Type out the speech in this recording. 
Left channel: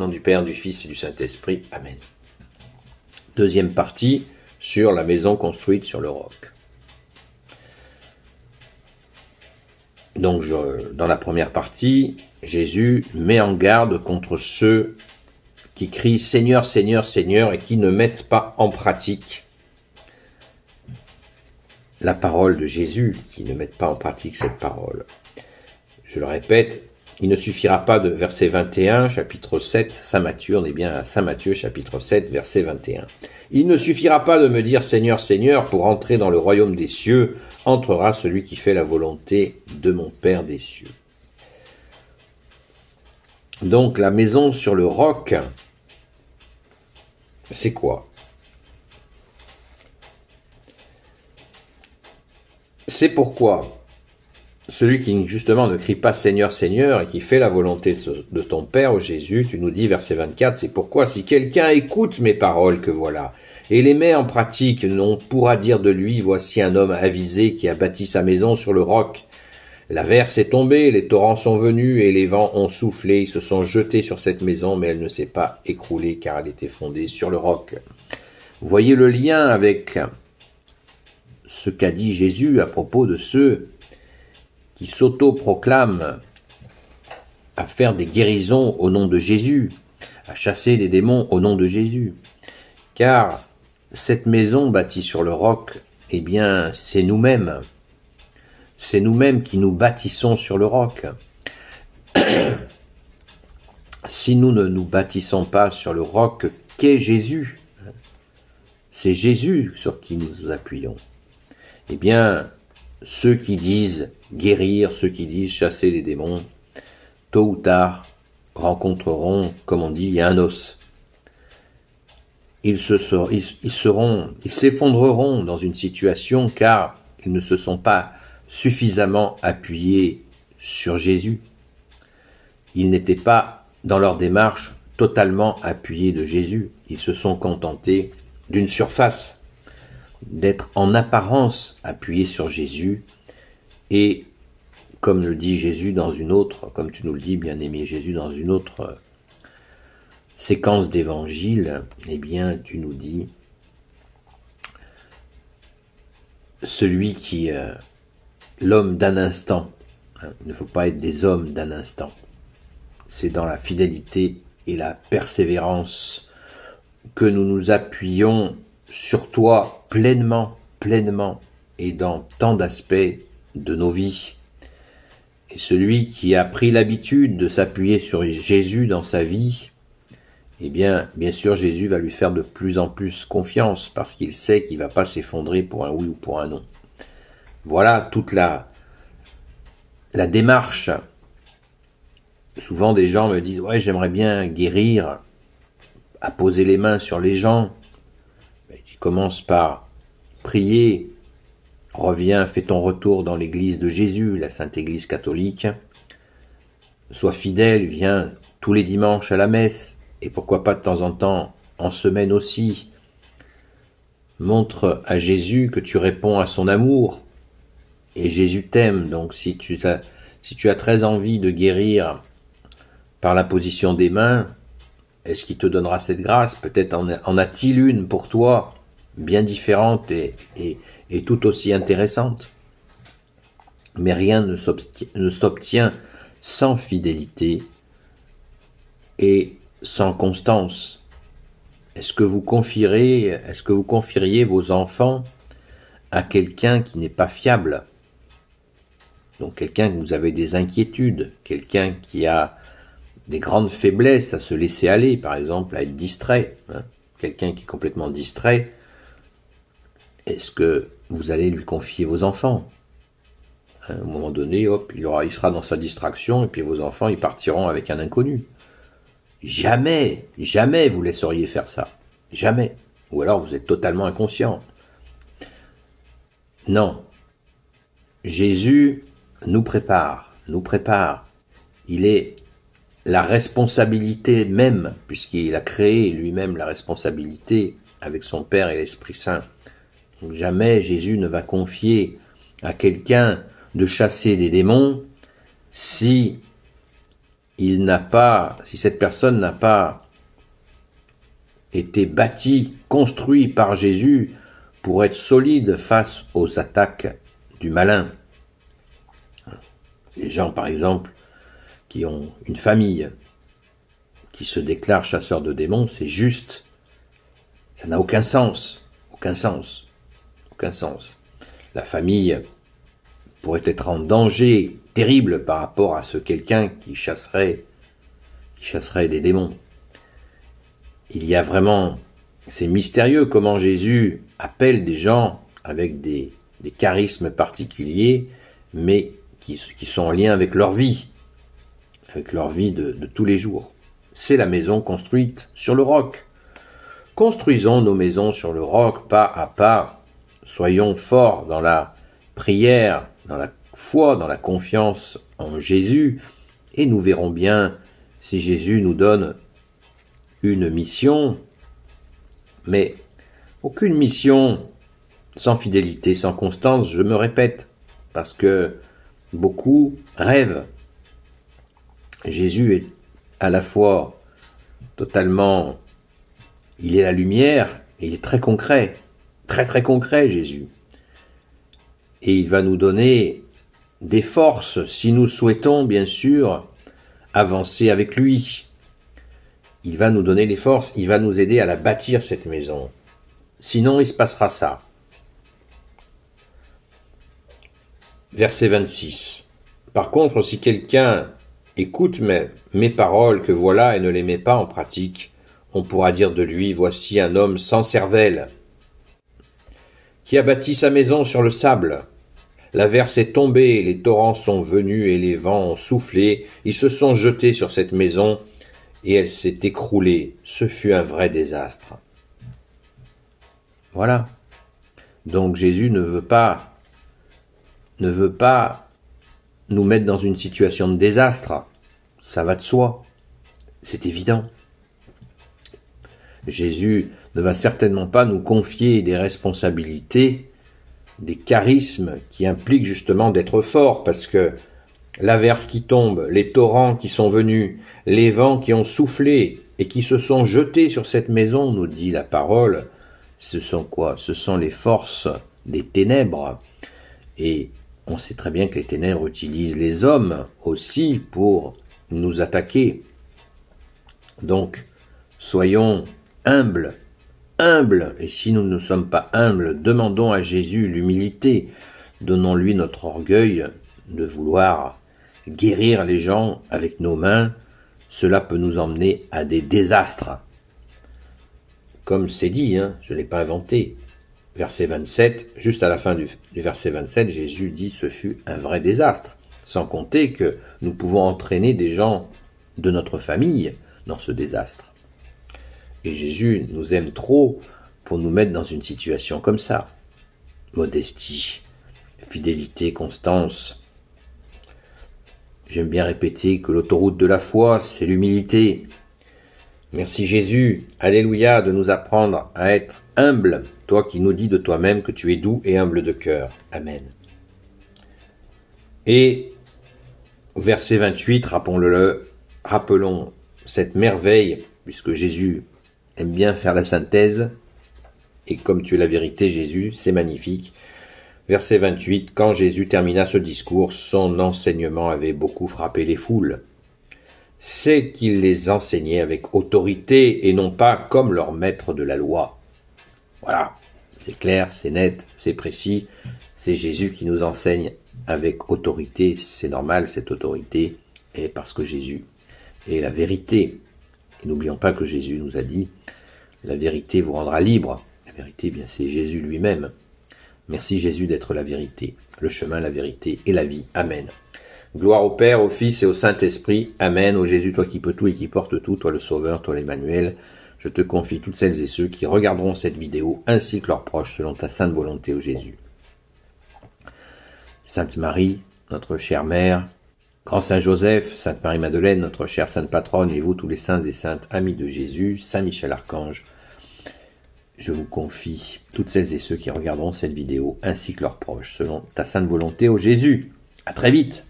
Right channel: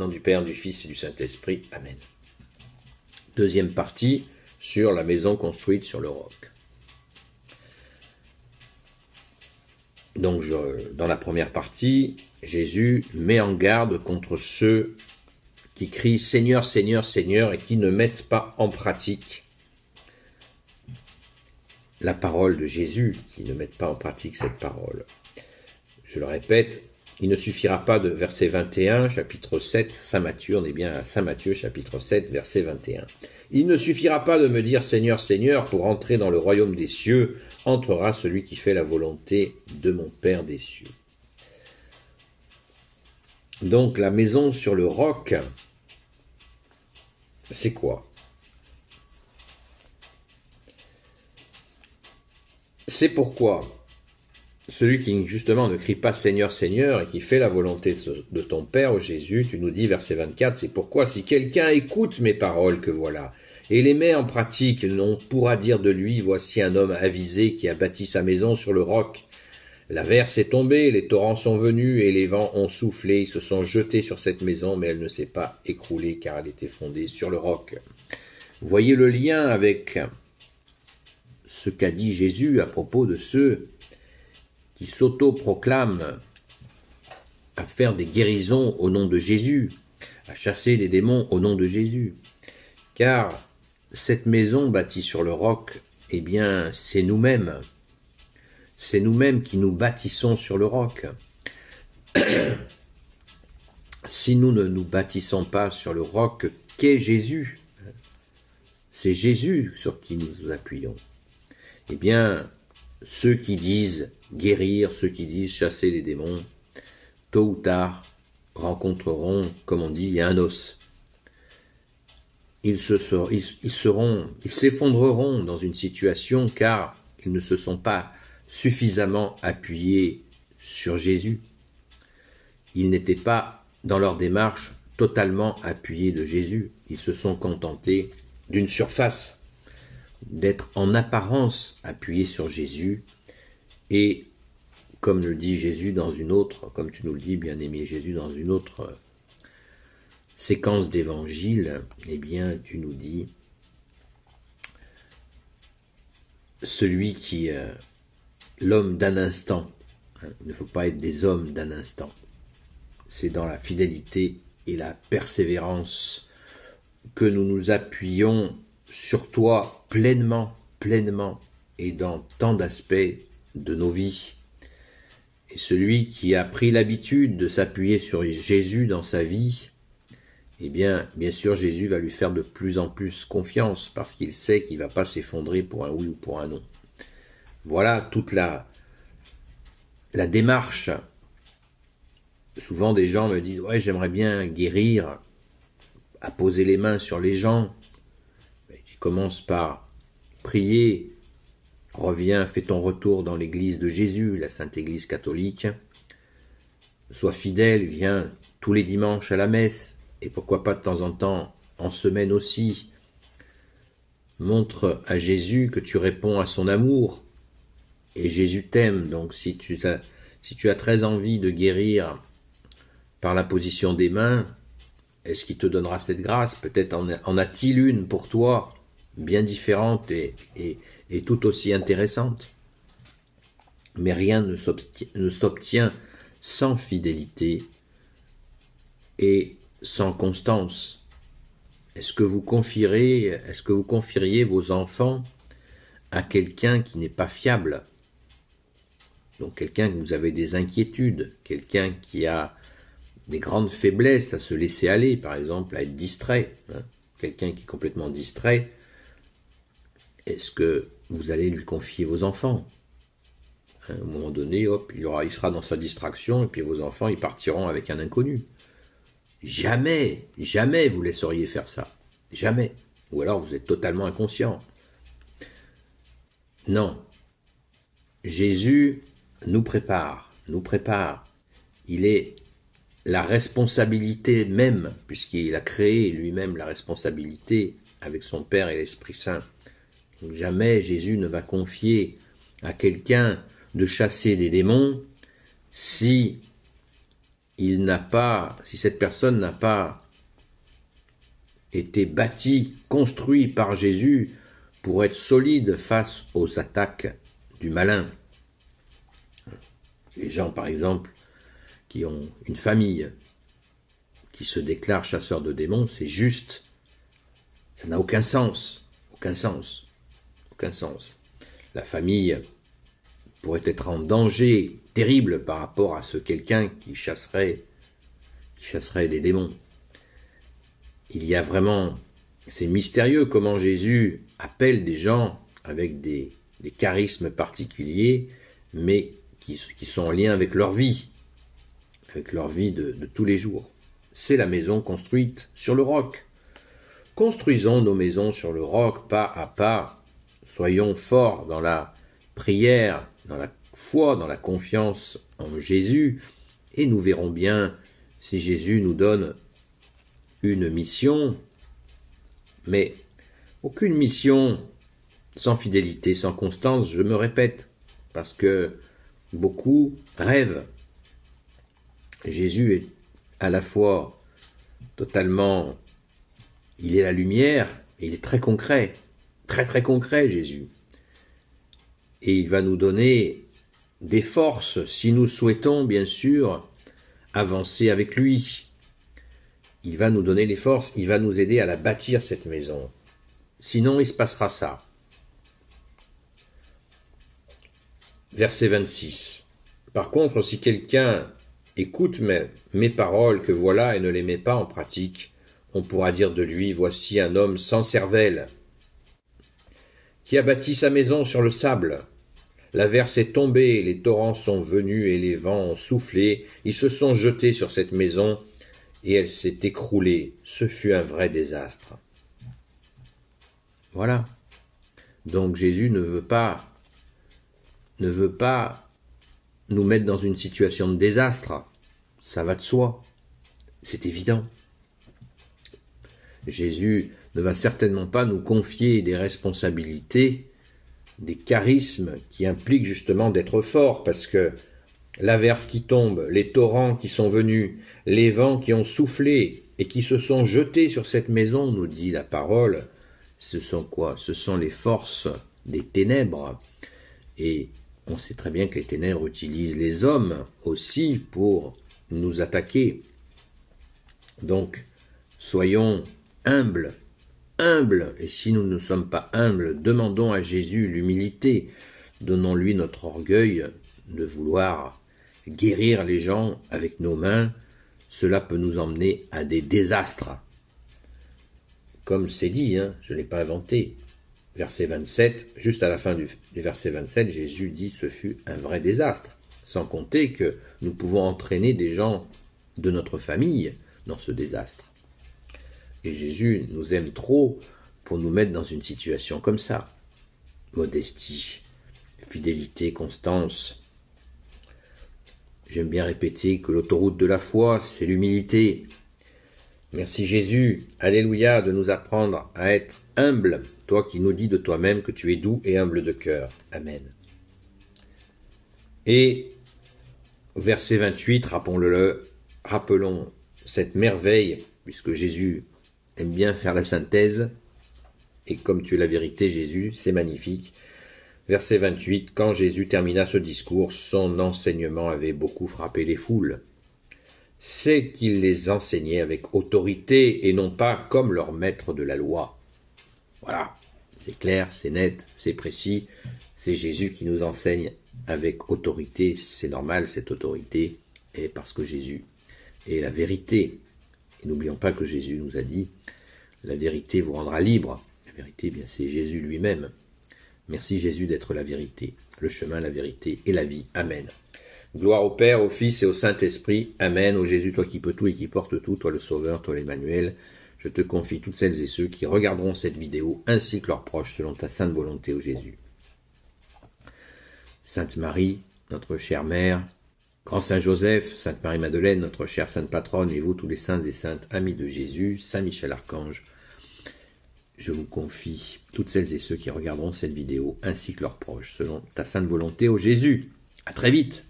nom du Père, du Fils et du Saint-Esprit. Amen. Deuxième partie sur la maison construite sur le roc. Donc, dans la première partie, Jésus met en garde contre ceux qui crient « Seigneur, Seigneur, Seigneur » et qui ne mettent pas en pratique la parole de Jésus, qui ne mettent pas en pratique cette parole. Je le répète, il ne suffira pas de verset 21, chapitre 7, Saint Matthieu, on est bien à Saint Matthieu, chapitre 7, verset 21. Il ne suffira pas de me dire « Seigneur, Seigneur » pour entrer dans le royaume des cieux, entrera celui qui fait la volonté de mon Père des cieux. Donc la maison sur le roc, c'est quoi? C'est pourquoi celui qui justement ne crie pas Seigneur, Seigneur et qui fait la volonté de ton Père, ô Jésus, tu nous dis verset 24, c'est pourquoi si quelqu'un écoute mes paroles que voilà et les met en pratique, on pourra dire de lui, voici un homme avisé qui a bâti sa maison sur le roc. L'averse est tombée, les torrents sont venus et les vents ont soufflé, ils se sont jetés sur cette maison, mais elle ne s'est pas écroulée car elle était fondée sur le roc. Vous voyez le lien avec ce qu'a dit Jésus à propos de ceux qui s'auto-proclament à faire des guérisons au nom de Jésus, à chasser des démons au nom de Jésus. Car cette maison bâtie sur le roc, eh bien, c'est nous-mêmes. C'est nous-mêmes qui nous bâtissons sur le roc. Si nous ne nous bâtissons pas sur le roc qu'est Jésus, c'est Jésus sur qui nous appuyons. Eh bien, ceux qui disent guérir, ceux qui disent chasser les démons, tôt ou tard, rencontreront, comme on dit, un os. Ils s'effondreront dans une situation car ils ne se sont pas suffisamment appuyés sur Jésus. Ils n'étaient pas, dans leur démarche, totalement appuyés de Jésus. Ils se sont contentés d'une surface, d'être en apparence appuyés sur Jésus. Et, comme le dit Jésus dans une autre, comme tu nous le dis, bien-aimé Jésus, dans une autre séquence d'évangile, eh bien, tu nous dis, celui qui, l'homme d'un instant, il ne faut pas être des hommes d'un instant, c'est dans la fidélité et la persévérance que nous nous appuyons sur toi pleinement, et dans tant d'aspects de nos vies. Et celui qui a pris l'habitude de s'appuyer sur Jésus dans sa vie, eh bien sûr, Jésus va lui faire de plus en plus confiance, parce qu'il sait qu'il ne va pas s'effondrer pour un oui ou pour un non. Voilà toute la démarche. Souvent, des gens me disent « Ouais, j'aimerais bien guérir, à poser les mains sur les gens. » Je commence par prier, reviens, fais ton retour dans l'église de Jésus, la Sainte Église catholique. Sois fidèle, viens tous les dimanches à la messe, et pourquoi pas de temps en temps, en semaine aussi. Montre à Jésus que tu réponds à son amour, et Jésus t'aime. Donc si tu as très envie de guérir par la position des mains, est-ce qu'il te donnera cette grâce? Peut-être en a-t-il une pour toi, bien différente et tout aussi intéressante. Mais rien ne s'obtient sans fidélité et sans constance. Est-ce que vous confieriez vos enfants à quelqu'un qui n'est pas fiable? Donc quelqu'un que vous avez des inquiétudes, quelqu'un qui a des grandes faiblesses à se laisser aller, par exemple, à être distrait, quelqu'un qui est complètement distrait, est-ce que vous allez lui confier vos enfants? À un moment donné, hop, il sera dans sa distraction, et puis vos enfants, ils partiront avec un inconnu. Jamais, jamais vous laisseriez faire ça. Jamais. Ou alors vous êtes totalement inconscient. Non. Jésus nous prépare. Il est la responsabilité même, puisqu'il a créé lui-même la responsabilité avec son Père et l'Esprit Saint. Donc jamais Jésus ne va confier à quelqu'un de chasser des démons si si cette personne n'a pas été bâti, construit par Jésus pour être solide face aux attaques du malin. Les gens, par exemple, qui ont une famille, qui se déclarent chasseurs de démons, c'est juste, ça n'a aucun sens, aucun sens, aucun sens. La famille pourrait être en danger terrible par rapport à quelqu'un qui chasserait des démons. Il y a vraiment, c'est mystérieux comment Jésus appelle des gens avec des charismes particuliers, mais qui sont en lien avec leur vie de tous les jours. C'est la maison construite sur le roc. Construisons nos maisons sur le roc, pas à pas. Soyons forts dans la prière, dans la foi, dans la confiance en Jésus, et nous verrons bien si Jésus nous donne une mission, mais aucune mission sans fidélité, sans constance, je me répète, parce que beaucoup rêvent. Jésus est à la fois totalement, il est la lumière, et il est très concret, très très concret Jésus. Et il va nous donner des forces si nous souhaitons bien sûr avancer avec lui. Il va nous donner les forces, il va nous aider à la bâtir cette maison. Sinon il se passera ça. Verset 26. Par contre, si quelqu'un écoute mes paroles que voilà et ne les met pas en pratique, on pourra dire de lui, voici un homme sans cervelle, qui a bâti sa maison sur le sable. L'averse est tombée, les torrents sont venus et les vents ont soufflé, ils se sont jetés sur cette maison et elle s'est écroulée. Ce fut un vrai désastre. Voilà. Donc Jésus ne veut pas nous mettre dans une situation de désastre. Ça va de soi. C'est évident. Jésus ne va certainement pas nous confier des responsabilités, des charismes qui impliquent justement d'être fort, parce que l'averse qui tombe, les torrents qui sont venus, les vents qui ont soufflé et qui se sont jetés sur cette maison, nous dit la parole, ce sont quoi? Ce sont les forces des ténèbres. Et on sait très bien que les ténèbres utilisent les hommes aussi pour nous attaquer. Donc, soyons humbles, et si nous ne sommes pas humbles, demandons à Jésus l'humilité, donnons-lui notre orgueil de vouloir guérir les gens avec nos mains, cela peut nous emmener à des désastres. Comme c'est dit, je ne l'ai pas inventé. Verset 27, juste à la fin du verset 27, Jésus dit « ce fut un vrai désastre », sans compter que nous pouvons entraîner des gens de notre famille dans ce désastre. Et Jésus nous aime trop pour nous mettre dans une situation comme ça. Modestie, fidélité, constance. J'aime bien répéter que l'autoroute de la foi, c'est l'humilité. Merci Jésus, alléluia, de nous apprendre à être humble, toi qui nous dis de toi-même que tu es doux et humble de cœur. Amen. Et verset 28, rappelons cette merveille, puisque Jésus aime bien faire la synthèse, et comme tu es la vérité, Jésus, c'est magnifique. Verset 28, quand Jésus termina ce discours, son enseignement avait beaucoup frappé les foules. C'est qu'il les enseignait avec autorité et non pas comme leur maître de la loi. Voilà, c'est clair, c'est net, c'est précis, c'est Jésus qui nous enseigne avec autorité, c'est normal cette autorité, et parce que Jésus est la vérité. Et n'oublions pas que Jésus nous a dit, la vérité vous rendra libre. La vérité, eh bien, c'est Jésus lui-même. Merci Jésus d'être la vérité, le chemin, la vérité et la vie. Amen. Gloire au Père, au Fils et au Saint-Esprit. Amen. Ô Jésus, toi qui peux tout et qui portes tout, toi le Sauveur, toi l'Emmanuel, je te confie toutes celles et ceux qui regarderont cette vidéo, ainsi que leurs proches, selon ta sainte volonté, ô Jésus. Sainte Marie, notre chère Mère, Grand Saint Joseph, Sainte Marie-Madeleine, notre chère Sainte Patronne, et vous tous les saints et saintes amis de Jésus, Saint Michel Archange, je vous confie toutes celles et ceux qui regarderont cette vidéo, ainsi que leurs proches, selon ta sainte volonté, ô Jésus. À très vite.